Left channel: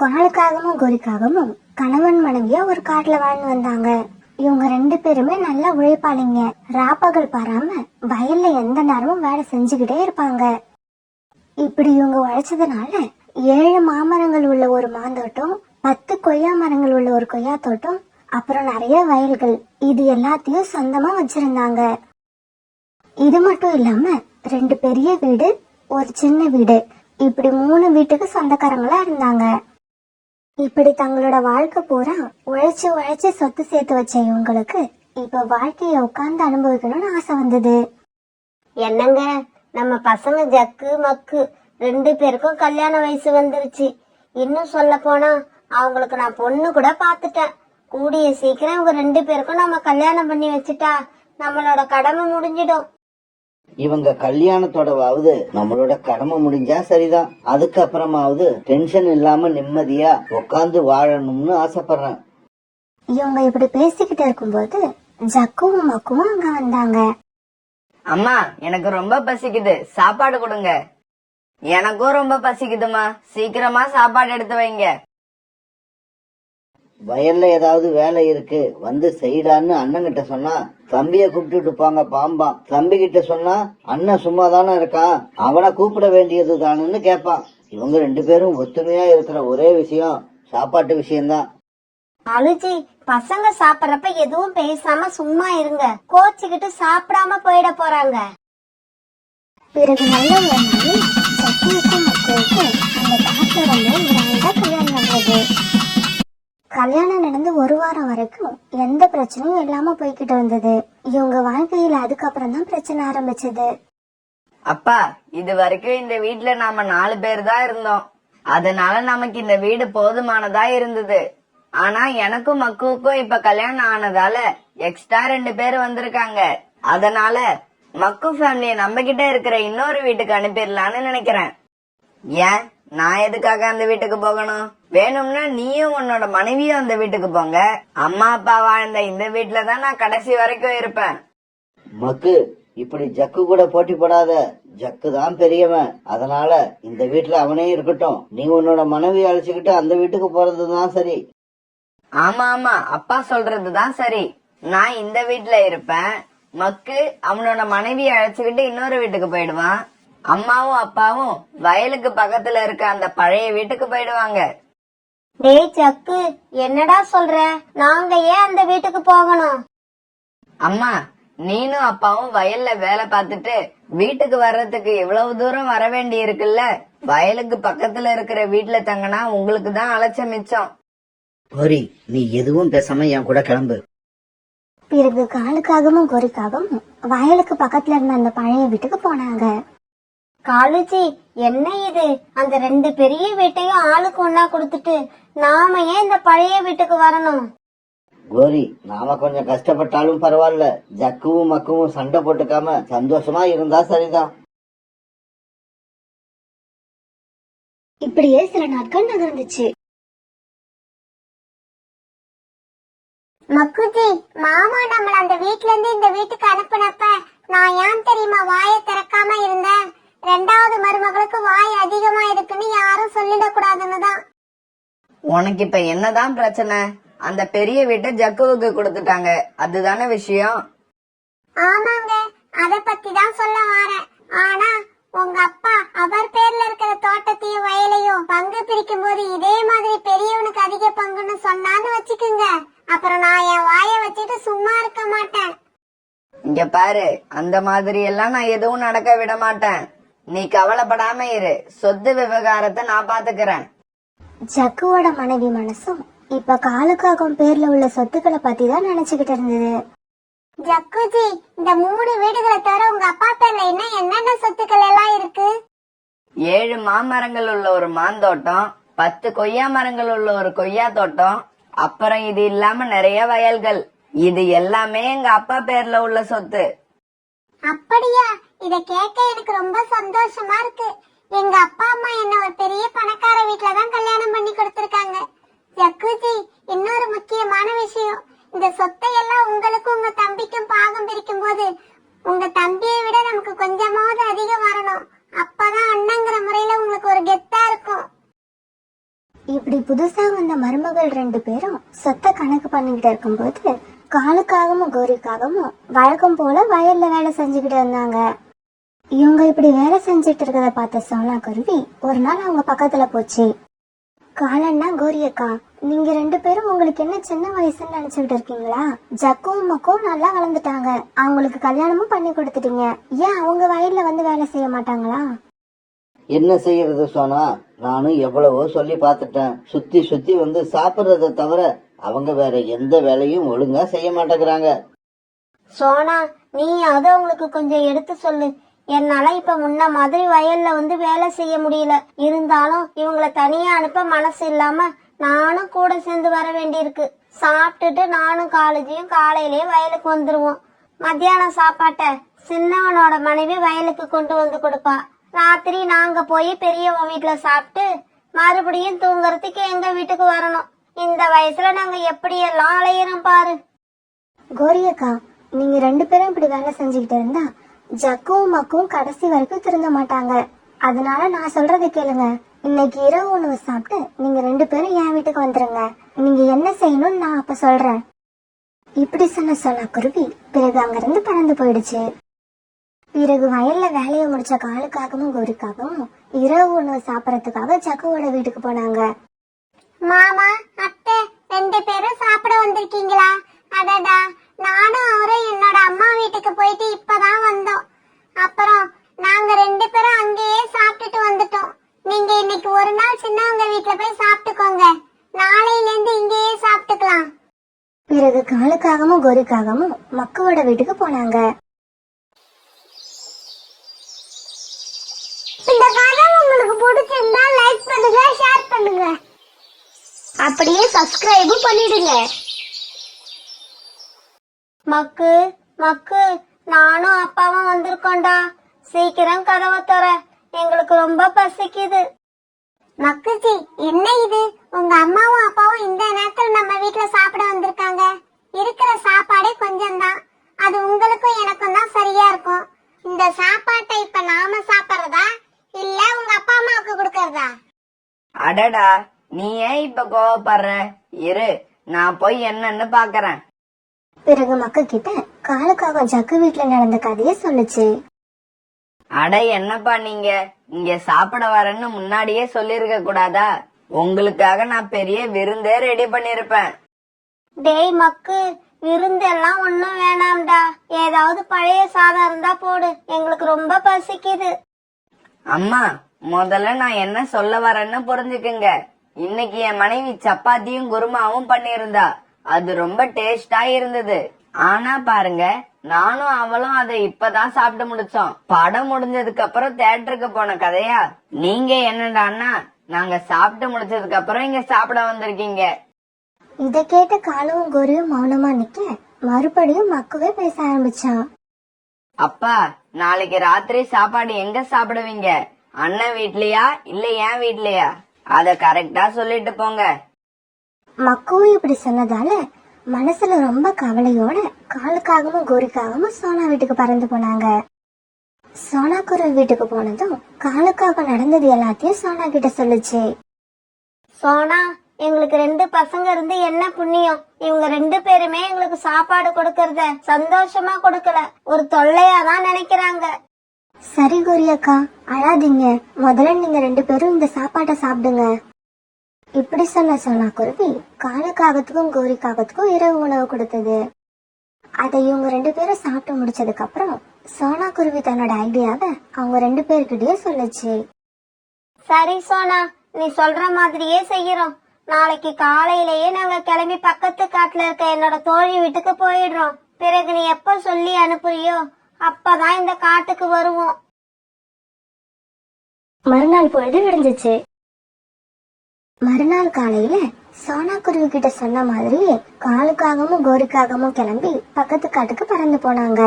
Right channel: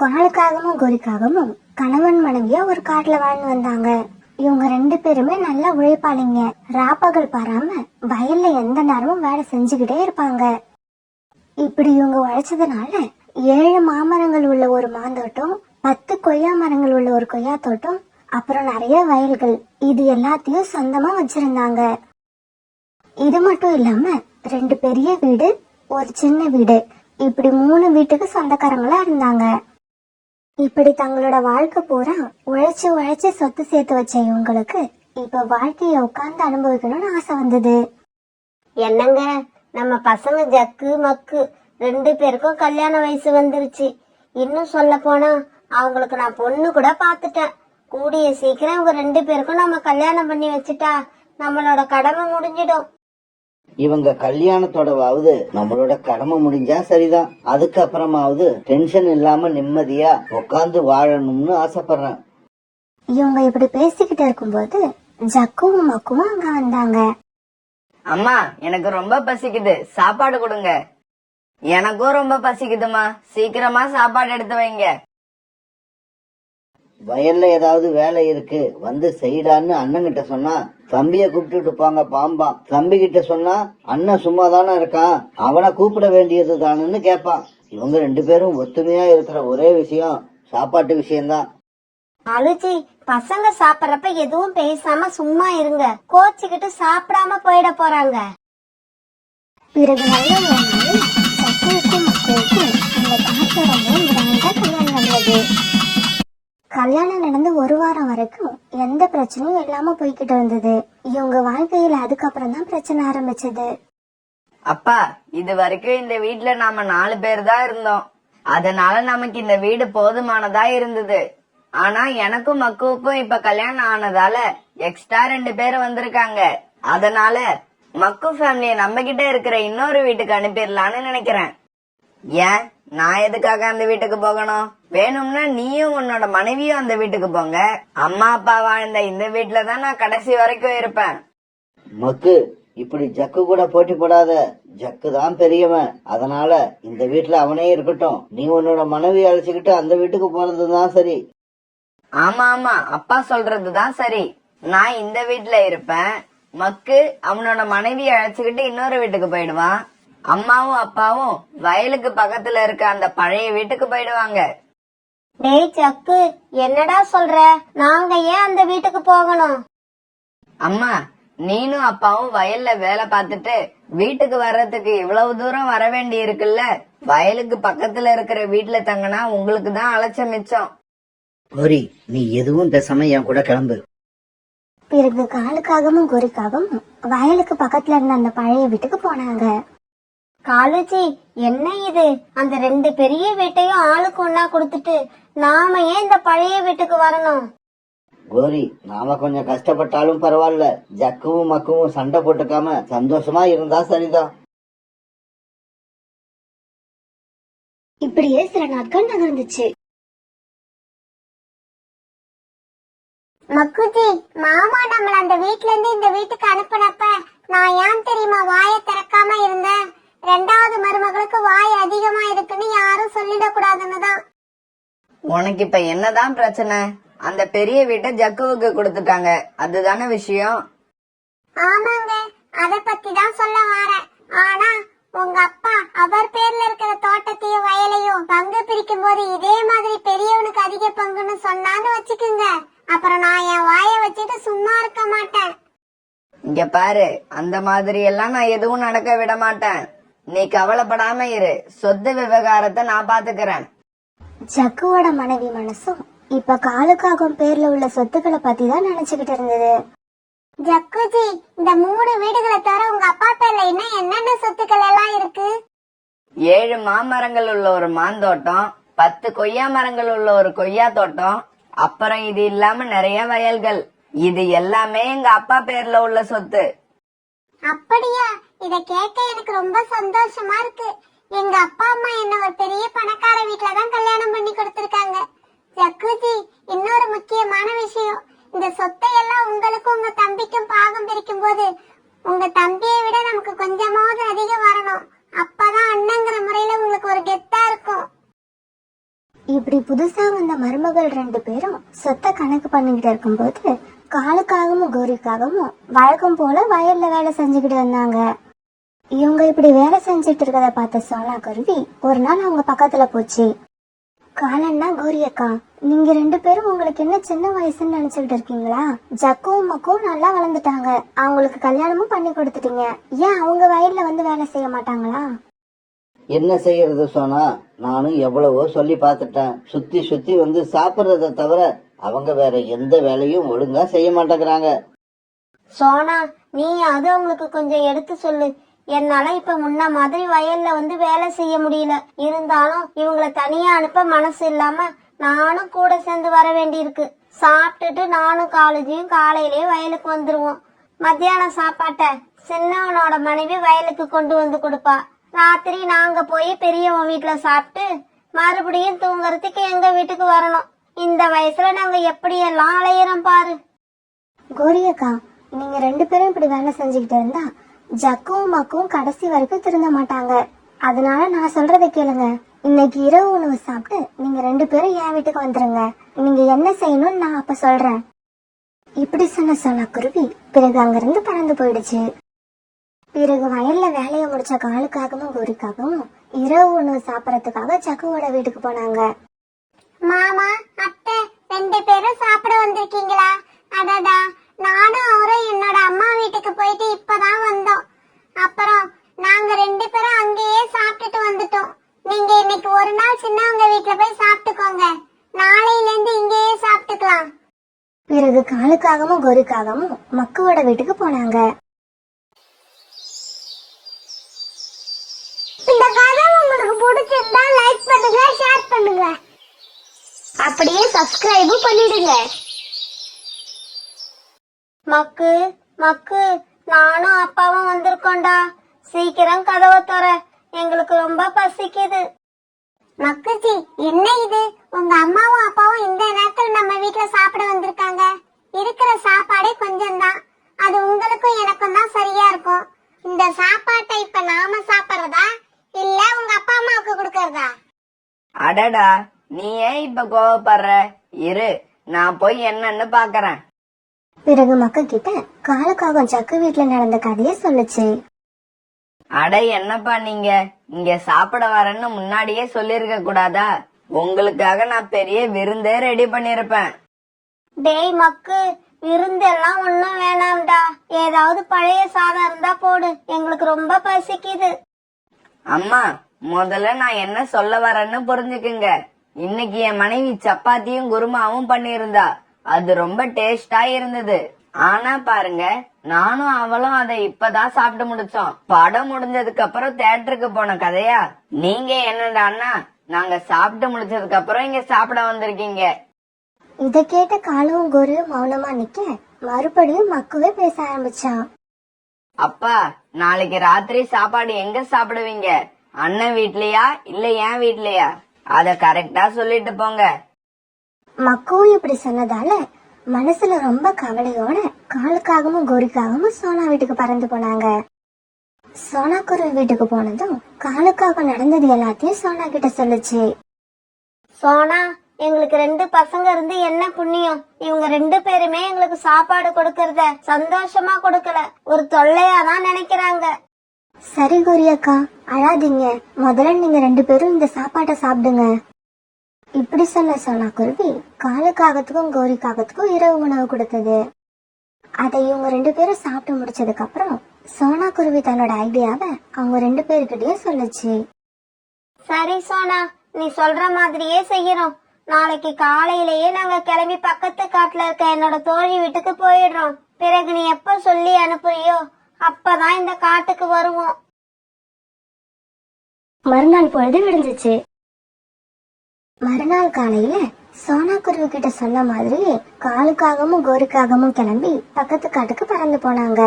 காலுக்காகவும் கோரிக்காகவும் கணவன் மனைவியா ஒரு காட்டுல வாழ்ந்து வந்தாங்க. இவங்க 2 பேருமே நல்லா உழைப்பாளிங்க. ராப்பகல் பாராம வயல்ல எந்த நேரமும் வேலை செஞ்சுக்கிட்டே இருப்பாங்க. இப்படி இவங்க உழைச்சதுனால 7 மாமரங்கள் உள்ள ஒரு மாந்தோட்டம், 10 கொய்யா மரங்கள் உள்ள ஒரு கொய்யா தோட்டம், அப்புறம் நிறைய வயல்கள், இது எல்லாத்தையும் சொந்தமா வச்சிருந்தாங்க. இது மட்டும் இல்லாம 2 பெரிய வீடு, ஒரு சின்ன வீடு, இப்படி 3 வீட்டுக்கு சொந்தக்காரங்களா இருந்தாங்க. இப்படி தங்களோட வாழ்க்கை பூரா உழைச்சு சொத்து சேர்த்து வச்ச இவங்களுக்கு இப்ப வாழ்க்கைய உட்கார்ந்து அனுபவிக்கணும்னு ஆசை வந்தது. என்னங்க, நம்ம பசங்க ஜக்கு மக்கு 2 பேருக்கும் கல்யாண வயசு வந்துருச்சு. இன்னும் சொல்ல போனா அவங்களுக்கு நான் பொண்ணு கூட பாத்துட்டேன். கூடிய சீக்கிரம் இவங்க 2 பேருக்கும் நம்ம கல்யாணம் பண்ணி வச்சுட்டா நம்மளோட கடமை முடிஞ்சிடும். இவங்க கல்யாணத்தோடவாவது நம்மளோட கடமை முடிஞ்சா சரிதான். அதுக்கப்புறமாவது டென்ஷன் இல்லாம நிம்மதியா உட்காந்து வாழணும்னு ஆசைப்படுறேன். இவங்க இப்படி பேசிக்கிட்டு இருக்கும்போது ஜக்குவும் மக்குவும் அங்க வந்தாங்க. அம்மா, எனக்கு ரொம்ப பசிக்குது, சாப்பாடு கொடுங்க. எனக்கும் ரொம்ப பசிக்குதுமா, சீக்கிரமா சாப்பாடு எடுத்து வைங்க. வயல்ல ஏதாவது வேலை இருக்கு வந்து செய்டான்னு அண்ணன் கிட்ட சொன்னா தம்பிய கூப்பிட்டுட்டு போங்க பாம்பான். தம்பி கிட்ட சொன்னா அண்ணன் சும்மா தானே இருக்கான், அவனை கூப்பிட வேண்டியது தானுன்னு கேட்பான். இவங்க 2 பேரும் ஒத்துமையா இருக்கிற ஒரே விஷயம் சாப்பாட்டு விஷயம்தான். அழுச்சி, பசங்க சாப்பிடறப்ப எதுவும் பேசாம சும்மா இருங்க, கோச்சுக்கிட்டு சாப்பிடாம போயிட போறாங்க. பிறகு நல்ல ஒரு நாள் ஜக்குவுக்கும் மக்குவுக்கும் அந்த காட்டுல ரொம்ப கல்யாணம் நடந்தது. கல்யாணம் நடந்து 1 வாரம் வரைக்கும் எந்த பிரச்சனையும் இல்லாம போய்கிட்டு இருந்தது. இவங்க வாழ்க்கையில அதுக்கப்புறம் தான் பிரச்சனை ஆரம்பிச்சது. அப்பா, இது வரைக்கும் இந்த வீட்டுல நாம 4 பேர் தான் இருந்தோம். அதனால நமக்கு இந்த வீடு போதுமானதா இருந்தது. ஆனா எனக்கும் மக்குவுக்கும் இப்ப கல்யாணம் ஆனதால எக்ஸ்ட்ரா 2 பேர் வந்திருக்காங்க. அதனால மக்கு ஃபேமிலிய நம்ம கிட்ட இருக்கிற இன்னொரு வீட்டுக்கு அனுப்பிடலான்னு நினைக்கிறேன். ஏன், நான் எதுக்காக அந்த வீட்டுக்கு போகணும்? வேணும்னா நீயும் உன்னோட மனைவியும் அந்த வீட்டுக்கு போங்க. அம்மா அப்பா வாழ்ந்த இந்த வீட்டுலதான் நான் கடைசி வரைக்கும் இருப்பேன். மக்கு, இப்படி ஜக்கு கூட போட்டி போடாத. ஜக்கு தான் பெரியவன், அதனால இந்த வீட்டுல அவனே இருக்கட்டும். நீ உன்னோட மனைவி அழைச்சுக்கிட்டு அந்த வீட்டுக்கு போறதுதான் சரி. ஆமா ஆமா, அப்பா சொல்றதுதான் சரி. நான் இந்த வீட்டுல இருப்பேன். மக்கு அவனோட மனைவியை அழைச்சுக்கிட்டு இன்னொரு வீட்டுக்கு போயிடுவான். அம்மாவும் அப்பாவும் வயலுக்கு பக்கத்துல இருக்க அந்த பழைய வீட்டுக்கு போயிடுவாங்க. டேய் ஜக்கு, என்னடா சொல்ற? நாங்க ஏன் அந்த வீட்டுக்கு போகணும்? அம்மா, நீனும் அப்பாவும் வயல்ல வேலை பார்த்துட்டு வீட்டுக்கு வர்றதுக்கு இவ்வளவு தூரம் வர வேண்டி இருக்குல்ல. வயலுக்கு பக்கத்துல இருக்கிற வீட்டுல தங்கினா உங்களுக்கு தான் அலைச்ச மிச்சம். கோரி, நீ எதுவும் பேசாம என் கூட கிளம்பு. பிறகு காலுக்காகவும் கோரிக்காகவும் வயலுக்கு பக்கத்துல இருந்த அந்த பழைய வீட்டுக்கு போனாங்க. காலுச்சி, என்ன இது? அந்த 2 பெரிய வீட்டையும் ஆளுக்கு ஒன்னா கொடுத்துட்டு நாம ஏன் இந்த பழைய வீட்டுக்கு வரணும்? கோரி, நாம கொஞ்சம் கஷ்டப்பட்டாலும் பரவாயில்ல, ஜக்குவும் மக்குவும் சண்டை போட்டுக்காம சந்தோஷமா இருந்தா சரிதான். இப்படியே சில நாட்கள் நகர்ந்துச்சு. மக்குஜி, மாமா நம்மள அந்த வீட்ல இருந்து இந்த வீட்டுக்கு அனுப்புனப்ப நான் ஏன் தெரியுமா வாயை திறக்காம இருந்தேன்? 2வது மருமகளுக்கு வாய் அதிகமா இருக்குன்னு யாரும் சொல்லிடக்கூடாதுன்னு தான். உனக்கு இப்ப என்னதான் பிரச்சனை? அந்த பெரிய வீட்டை ஜக்குவுக்கு கொடுத்துட்டாங்க, அதுதானே விஷயம். ஆமாங்க, அத பத்தி தான் சொல்ல வரேன். ஆனா உங்க அப்பா அவர் பேர்ல இருக்கிற தோட்டத்தையும் வயலையும் பங்கு பிரிக்கும் போது இதே மாதிரி பெரியவனுக்கு அதிக பங்குன்னு சொன்னான்னு வச்சுக்குங்க, அப்புறம் நான் என் வாயை வச்சுட்டு சும்மா இருக்க மாட்டேன். இங்க பாரு, அந்த மாதிரி எல்லாம் நான் எதுவும் நடக்க விட மாட்டேன். நீ கவலைப்படாம இரு, சொத்து விவகாரத்தை நான் பாத்துக்கிறேன். ஜக்குவோட மனைவி மனசும் இப்ப காலுக்காகும் பேர்ல உள்ள சொத்துக்களை பத்தி தான் நினைச்சுக்கிட்டு இருந்தது. ஜக்குஜி, இந்த 3 வீடுகளை தவிர உங்க அப்பா பேர்ல இன்னும் என்னென்ன சொத்துக்கள் எல்லாம் இருக்கு? 7 மாமரங்கள் உள்ள ஒரு மாந்தோட்டம், 10 கொய்யா மரங்கள் உள்ள ஒரு கொய்யா தோட்டம், அப்புறம் இது இல்லாம நிறைய வயல்கள். இது எல்லாமே எங்க அப்பா பேர்ல உள்ள சொத்து. அப்படியா? இத கேட்க எனக்கு ரொம்ப சந்தோஷமா இருக்கு. எங்க அப்பா அம்மா என்ன ஒரு பெரிய பணக்கார வீட்ல தான் கல்யாணம் பண்ணி கொடுத்திருக்காங்க. ஜக்குஜி, இன்னொரு முக்கியமான விஷயம், இந்த சொத்தை எல்லாம் உங்களுக்கும் உங்க தம்பிக்கும் பாகம் பிரிக்கும் போது உங்க தம்பியை விட நமக்கு கொஞ்சமாவது அதிகம் வரணும். அப்பதான் அண்ணங்கிற முறையில உங்களுக்கு ஒரு கெத்தா இருக்கும். இப்படி புதுசா வந்த மருமகள் 2 பேரும் சொத்த கணக்கு பண்ணிக்கிட்டு இருக்கும்போது காலுக்காகவும் கோரிக்காகவும் வழக்கம் போல வயல்ல வேலை செஞ்சுக்கிட்டு இருந்தாங்க. இவங்க இப்படி வேலை செஞ்சுட்டு இருக்கத பார்த்த சோனா குருவி ஒரு நாள் அவங்க பக்கத்துல போச்சு. காலன்னா கோரி அக்கா, நீங்க 2 பேரும் உங்களுக்கு என்ன சின்ன வயசுன்னு நினைச்சுக்கிட்டு இருக்கீங்களா? ஜக்குவும் மக்கும் நல்லா வளர்ந்துட்டாங்க, அவங்களுக்கு கல்யாணமும் பண்ணி கொடுத்துட்டீங்க, ஏன் அவங்க வயல்ல வந்து வேலை செய்ய மாட்டாங்களா? என்ன செய்யறது சோனா, நானும் எவ்வளவோ சொல்லி பார்த்துட்டேன். சுத்தி சுத்தி வந்து சாப்பிட்றத தவிர அவங்க வேற எந்த வேலையும் ஒழுங்கா செய்ய மாட்டேங்கிறாங்க. சோனா, நீ அது அவங்களுக்கு கொஞ்சம் எடுத்து சொல்லு. என்னால இப்ப முன்ன மாதிரி வயல்ல வந்து வேலை செய்ய முடியல. இருந்தாலும் இவங்களை தனியா அனுப்ப மனசு இல்லாம நானும் கூட சேர்ந்து வர வேண்டியிருக்கு. சாப்பிட்டுட்டு நானும் காலேஜையும் காலையிலேயே வயலுக்கு வந்துருவோம். மத்தியானம் சாப்பாட்டை சின்னவனோட மனைவி வயலுக்கு கொண்டு வந்து கொடுப்பா. ராத்திரி நாங்க போய் பெரியவங்க வீட்டுல சாப்பிட்டு மறுபடியும் தூங்குறதுக்கு எங்க வீட்டுக்கு வரணும். இந்த வயசுல நாங்க எப்படியெல்லாம் அலையிறோம் பாரு. கோரி அக்கா, நீங்க 2 பேரும் இப்படி வேலை செஞ்சுக்கிட்டு இருந்தா ஜக்குவும் மக்கும் கடைசி வரைக்கும் திருந்த மாட்டாங்க. அதனால நான் சொல்றதை கேளுங்க. இன்னைக்கு இரவு உணவு சாப்பிட்டு நீங்க 2 பேரும் என் வீட்டுக்கு வந்துருங்க. நீங்க என்ன செய்யணும்னு நான் அப்ப சொல்றேன். இப்படி சொன்ன சோனா குருவி பிறகு அங்கிருந்து பறந்து போயிடுச்சு. பிறகு வயல்ல வேலையை முடிச்ச காலுக்காகவும் கோரிக்காகவும் இரவு உணவு சாப்பிடறதுக்காக ஜக்குவோட வீட்டுக்கு போனாங்க. மாமா, அத்தை 2 பேரும் சாப்பிட வந்திருக்கீங்களா? அடடா, நானும் அவரும் என்னோட அம்மா வீட்டுக்கு போயிட்டு இப்பதான் வந்தோம். அப்புறம் நாங்க 2 பேரும் அங்கேயே சாப்பிட்டுட்டு வந்துட்டோம். நீங்க இன்னைக்கு ஒரு நாள் சின்னவங்க வீட்டுல போய் சாப்பிட்டுக்கோங்க. நாளையில இருந்து இங்கேயே சாப்பிட்டுக்கலாம். பிறகு காலுக்காகவும் கோரிக்காகவும் மக்குவோட வீட்டுக்கு போனாங்க. இந்த கதை உங்களுக்கு பிடிச்சிருந்தா லைக் பண்ணுங்க, ஷேர் பண்ணுங்க, அப்படியே சப்ஸ்கிரைபும் பண்ணிடுங்க. மக்கு மக்கு, நானும் அப்பாவும் வந்திருக்கோண்டா. சீக்கிரம் கதவை தர, எங்களுக்கு ரொம்ப பசிக்குது. மக்குச்சி, என்ன இது? உங்க அம்மாவும் அப்பாவும் இந்த நேரத்துல நம்ம வீட்டுல சாப்பிட வந்திருக்காங்க. இருக்கிற சாப்பாடே கொஞ்சம் தான், அது உங்களுக்கும் எனக்கும் தான் சரியா இருக்கும். இந்த சாப்பாட்டை இப்ப நாம சாப்பிடுறதா இல்ல உங்க அப்பா அம்மாவுக்கு கொடுக்கறதா? அடடா, நீ ஏன் இப்ப கோவப்படுற? இரு, நான் போய் என்னன்னு பாக்குறேன். பிறகு மக்கு கிட்ட காலுக்காக ஜக்கு வீட்டுல நடந்த கதையை சொல்லுச்சு. அட என்னப்பா நீங்க இங்க சாப்பிட வரேன்னு முன்னாடியே சொல்லிருக்க கூடாதா? உங்களுக்காக நான் பெரிய விருந்தே ரெடி பண்ணிருப்பேன். டேய் மக்கு, விருந்தெல்லாம் ஒண்ணும் வேணாம்டா. ஏதாவது பழைய சாதம் இருந்தா போடு, எங்களுக்கு ரொம்ப பசிக்குது. அம்மா, முதல்ல நான் என்ன சொல்ல வரேன்னு புரிஞ்சுக்குங்க. இன்னைக்கு என் மனைவி சப்பாத்தியும் குருமாவும் பண்ணியிருந்தா. அது ரொம்ப டேஸ்டா இருந்தது. ஆனா பாருங்க, நானும் அவளும் அதை இப்பதான் சாப்பிட்டு முடிச்சோம். படம் முடிஞ்சதுக்கு அப்புறம் தியேட்டருக்கு போன கதையா? நீங்க என்னடான்னா நாங்க சாப்பிட்டு முடிச்சதுக்கு அப்புறம் இங்க சாப்பிட வந்திருக்கீங்க. இத கேட்ட காலுவும் கோரியும் மௌனமா நிக்க மறுபடியும் மக்குவே பேச ஆரம்பிச்சான். அப்பா, நாளைக்கு ராத்திரி சாப்பாடு எங்க சாப்பிடுவீங்க? அண்ணன் வீட்லயா இல்ல என் வீட்லயா? அத கரெக்டா சொல்லிட்டு போங்க. மக்குவும் இப்படி சொன்னதால மனசுல ரொம்ப கவலையோட காலுக்காகவும் கோரிக்காகவும் சோனா வீட்டுக்கு பறந்து போனாங்க. சோனா குருவி வீட்டுக்கு போனதும் காலுக்காக நடந்தது எல்லாத்தையும் சோனா கிட்ட சொல்லுச்சு. சோனா, எங்களுக்கு 2 பசங்க இருந்து என்ன புண்ணியம்? இவங்க 2 பேருமே எங்களுக்கு சாப்பாடு கொடுக்கறத சந்தோஷமா கொடுக்கல, ஒரு தொல்லையா தான் நினைக்கிறாங்க. சரி கோரி அக்கா, அழாதீங்க. முதல்ல நீங்க 2 பேரும் இந்த சாப்பாட்டை சாப்பிடுங்க. இப்படி சொன்ன சோனா குருவி காலுக்காகத்துக்கும் கோரிக்காகத்துக்கும் இரவு உணவு கொடுத்தது. அதை இவங்க 2 பேரும் சாப்பிட்டு முடிச்சதுக்கு அப்புறம் சோனா குருவி தன்னோட ஐடியாவை அவங்க 2 பேருக்கிட்டயும் சொல்லுச்சு. சரி சோனா, நீ சொல்ற மாதிரியே செய்யறோம். நாளைக்கு காலையிலேயே நாங்க கிளம்பி பக்கத்து காட்டுல இருக்க என்னோட தோழி வீட்டுக்கு போயிடுறோம். பிறகு நீ எப்ப சொல்லி அனுப்புறியோ அப்பதான் இந்த காட்டுக்கு வருவோம். மறுநாள் பொழுது விடிஞ்சிச்சு. மறுநாள் காலையில சோனா குருவி கிட்ட சொன்ன மாதிரி காலுக்காகவும் கோரிக்காகவும் கிளம்பி பக்கத்து காட்டுக்கு பறந்து போனாங்க.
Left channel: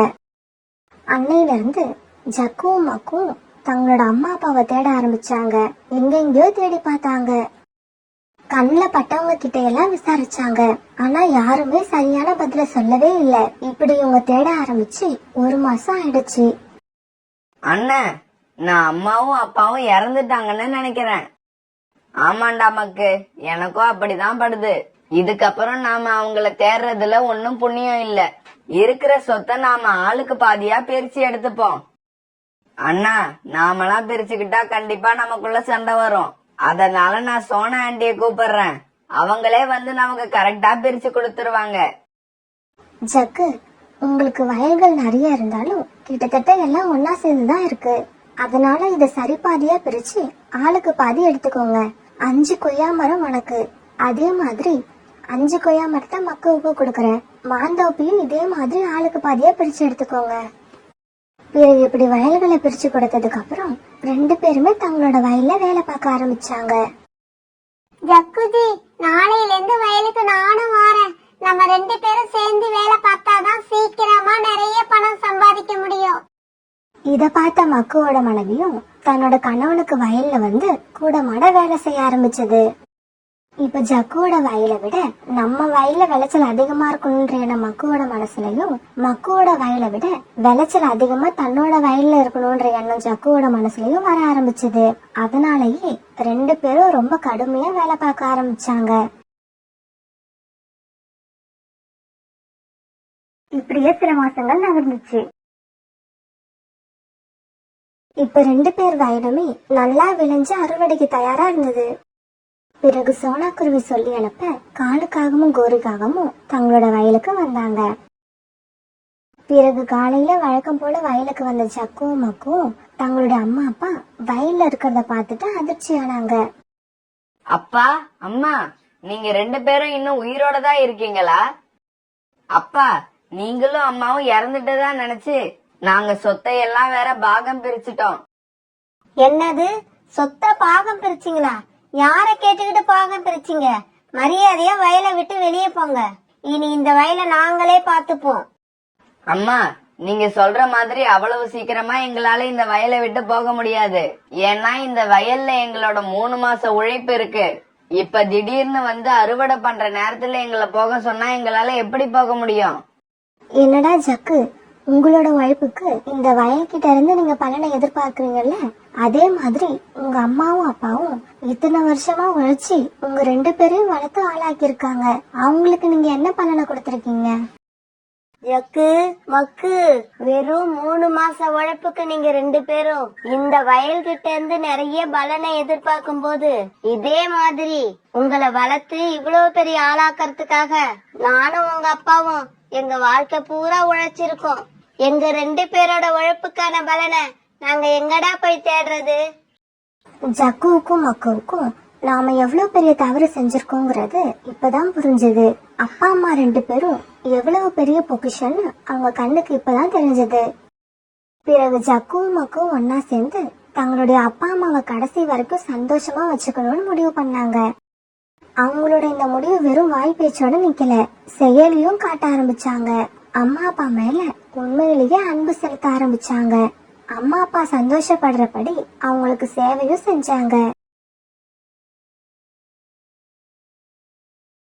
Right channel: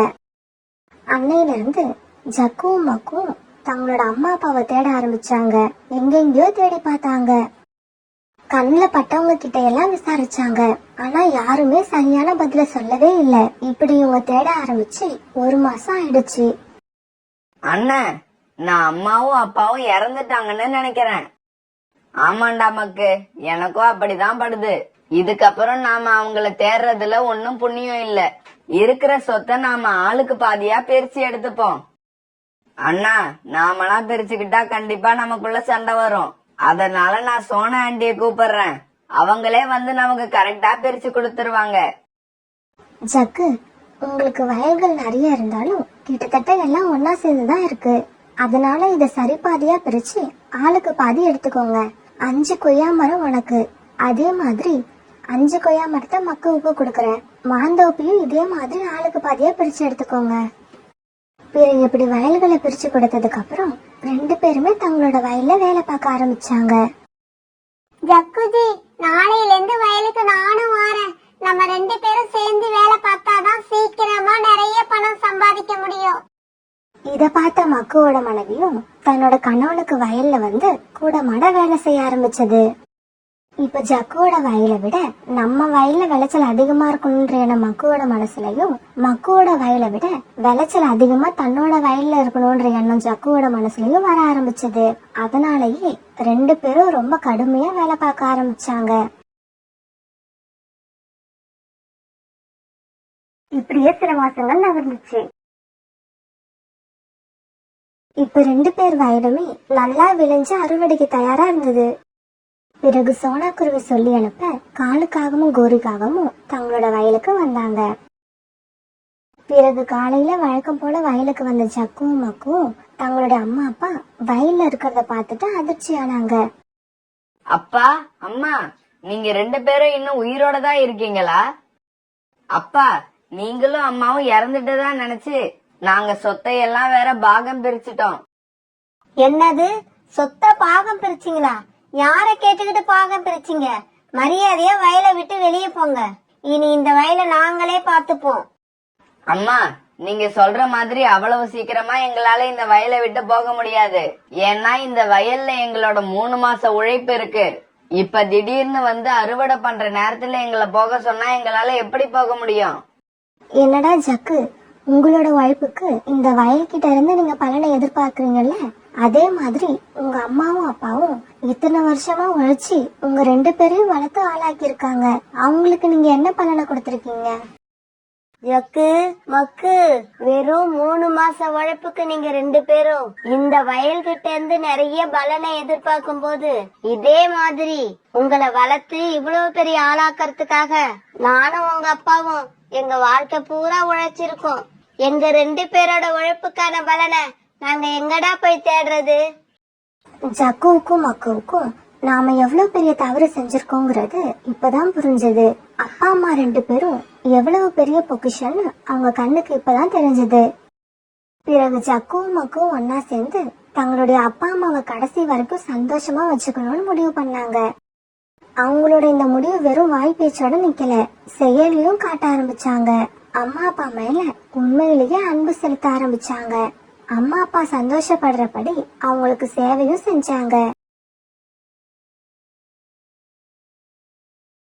அன்னையில இருந்து ஜக்குவும் மக்கும் தங்களோட அம்மா அப்பாவை தேட ஆரம்பிச்சாங்க. எங்கெங்கயோ தேடி பார்த்தாங்க. கண்ணுல பட்டவங்க கிட்ட எல்லாம் விசாரிச்சாங்க. ஆனா யாருமே சரியான பதில சொல்லவே இல்ல. இப்படி இவங்க தேட ஆரம்பிச்சு 1 மாசம் ஆயிடுச்சு. அண்ணன், நான் அம்மாவும் அப்பாவும் இறந்துட்டாங்கன்னு நினைக்கிறேன். ஆமாண்டா மக்கு, எனக்கும் அப்படிதான் படுது. இதுக்கப்புறம் நாம அவங்கள தேடுறதுல ஒன்னும் புண்ணியம் இல்ல. இருக்கிற சொத்தை நாம ஆளுக்கு பாதியா பிரிச்சு எடுத்துப்போம். அண்ணா, நாமெல்லாம் பிரிச்சுக்கிட்டா கண்டிப்பா நமக்குள்ள சண்டை வரும். அதனால நான் சோனா ஆண்டிய கூப்பிடுறேன். அவங்களே வந்து நமக்கு கரெக்டா பிரிச்சு கொடுத்துருவாங்க. ஜக்கு, உங்களுக்கு வயல்கள் நிறைய இருந்தாலும் கிட்டத்தட்ட எல்லாம் ஒன்னா சேர்ந்துதான் இருக்கு. அதனால இத சரி பாதியா பிரிச்சு ஆளுக்கு பாதி எடுத்துக்கோங்க. 5 கொய்யா மரம் உனக்கு, அதே மாதிரி 5 கொய்யா மரத்தை மக்குவுக்கு கொடுக்கறேன். மாந்தோப்பியும் இதே மாதிரி ஆளுக்கு பாதியா பிரிச்சு எடுத்துக்கோங்க. பிறகு இப்படி வயல்களை பிரிச்சு கொடுத்ததுக்கு அப்புறம் 2 பேருமே தங்களோட வயல்ல வேலை பார்க்க ஆரம்பிச்சாங்க. ஜக்குஜி, நாளையில இருந்து வயலுக்கு நானும் வாரேன். நம்ம 2 பேரும் சேர்ந்து வேலை பார்த்தாதான் சீக்கிரமா நிறைய பணம் சம்பாதிக்க முடியும். இத பார்த்த மக்குவோட மனைவியும் தன்னோட கணவனுக்கு வயல்ல வந்து கூட மாட வேலை செய்ய ஆரம்பிச்சது. இப்ப ஜக்குவோட வயலை விட நம்ம வயல்ல விளைச்சல் அதிகமா இருக்கணும்ன்ற மக்குவோட மனசுலயும், மக்குவோட வயலை விட விளைச்சல் அதிகமா தன்னோட வயல்ல இருக்கணும்ன்ற எண்ணம் ஜக்குவோட மனசுலயும் வர ஆரம்பிச்சது. அதனாலயே 2 பேரும் ரொம்ப கடுமையா வேலை பார்க்க ஆரம்பிச்சாங்க. இப்படியே சில மாசங்கள் நகர்ந்துச்சு. இப்ப 2 பேர் வயலுமே நல்லா விளைஞ்சு அறுவடைக்கு தயாரா இருந்தது. பிறகு சோனா குருவி சொல்லி அனுப்ப காலுக்காகவும் கோரிக்காகவும் தங்களோட வயலுக்கு வந்தாங்க. பிறகு காலையில வழக்கம் போல வயலுக்கு வந்த ஜக்குவும் மக்குவும் தங்களுடைய அம்மா அப்பா வயல்ல இருக்கிறத பார்த்துட்டு அதிர்ச்சி ஆனாங்க. அப்பா, அம்மா, நீங்க 2 பேரும் இன்னும் உயிரோட தான் இருக்கீங்களா? அப்பா, நீங்களும் அம்மாவும் இறந்துட்டுதான் நினைச்சு நாங்க சொத்தை எல்லாம் வேற பாகம் பிரிச்சுட்டோம். என்னது, சொத்தை பாகம் பிரிச்சிங்களா? யார கேட்டுக்கிட்டு பாகம் பிரிச்சிங்க? மரியாதையா வயலை விட்டு வெளியே போங்க. இனி இந்த வயலை நாங்களே பார்த்துப்போம். அம்மா, நீங்க சொல்ற மாதிரி அவ்வளவு சீக்கிரமா எங்களால இந்த வயலை விட்டு போக முடியாது. ஏன்னா இந்த வயல்ல எங்களோட 3 மாச உழைப்பு இருக்கு. இப்ப திடீர்னு வந்து அறுவடை பண்ற நேரத்துல எங்களை போக சொன்னா எங்களால எப்படி போக முடியும்? என்னடா ஜக்கு, உங்களோட உழைப்புக்கு இந்த வயல்கிட்ட இருந்து நீங்க பலனை எதிர்பார்க்கறீங்கல்ல, அதே மாதிரி உங்க அம்மாவும் அப்பாவும் இத்தனை வருஷமா உழைச்சி உங்க 2 பேரையும் வளர்த்து ஆளாக்கி இருக்காங்க. அவங்களுக்கு நீங்க என்ன பலனை கொடுத்திருக்கீங்க? ஜக்கு, மக்கு, வெறும் 3 மாச உழைப்புக்கு நீங்க 2 பேரும் இந்த வயல் கிட்ட இருந்து நிறைய பலனை எதிர்பார்க்கும் போது, இதே மாதிரி உங்களை வளர்த்து இவ்வளவு பெரிய ஆளாக்கறதுக்காக நானும் உங்க அப்பாவும் எங்க வாழ்க்கை பூரா உழைச்சிருக்கோம். எங்க 2 பேரோட உழைப்புக்கான பலனை நாங்க எங்கடா போய் தேடுறது? ஜக்குவுக்கும் மக்குவுக்கும் நாம எவ்வளவு பெரிய தவறு செஞ்சிருக்கோங்கிறது இப்பதான் புரிஞ்சது. அப்பா அம்மா 2 பேரும் எவ்வளவு பெரிய பொக்கிஷன்னு அவங்க கண்ணுக்கு இப்பதான் தெரிஞ்சது. பிறகு ஜக்குவும் மக்குவும் ஒன்னா சேர்ந்து தங்களுடைய அப்பா அம்மாவை கடைசி வரைக்கும் சந்தோஷமா வச்சுக்கணும்னு முடிவு பண்ணாங்க. அவங்களோட இந்த முடிவு வெறும் வாய் பேச்சோட நிக்கல, செயலையும் காட்ட ஆரம்பிச்சாங்க. அம்மா அப்பா மேல உண்மையிலேயே அன்பு செலுத்த ஆரம்பிச்சாங்க. அம்மா அப்பா சந்தோஷப்படுறபடி அவங்களுக்கு சேவையும் செஞ்சாங்க.